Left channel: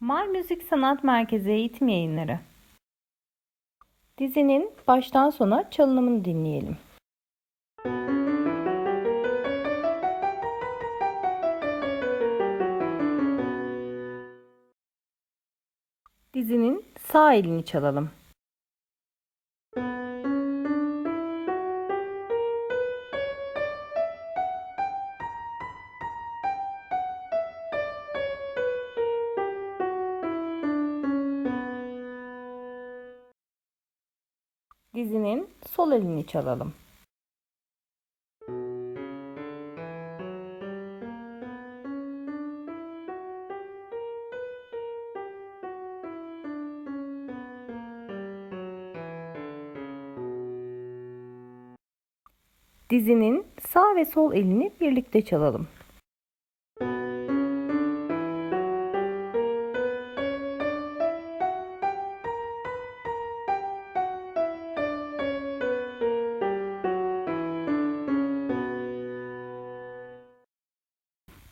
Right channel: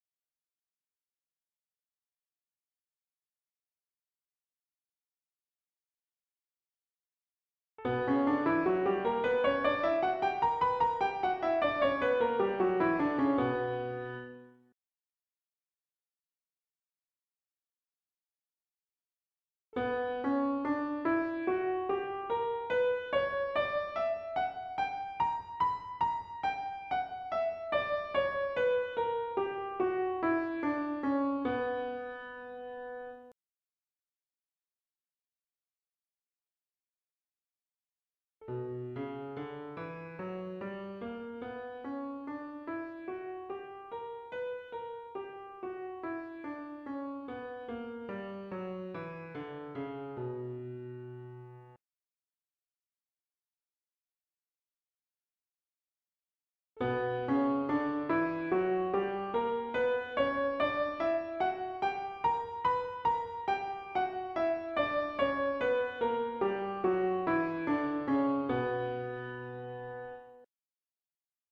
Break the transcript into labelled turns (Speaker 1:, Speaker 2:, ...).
Speaker 1: Mar Müzik Sanat Merkezi Eğitim Yayınları Dizinin baştan sona çalınımını dinleyelim. Dizinin sağ elini çalalım. Dizinin sol elini çalalım. Dizinin sağ ve sol elini birlikte çalalım.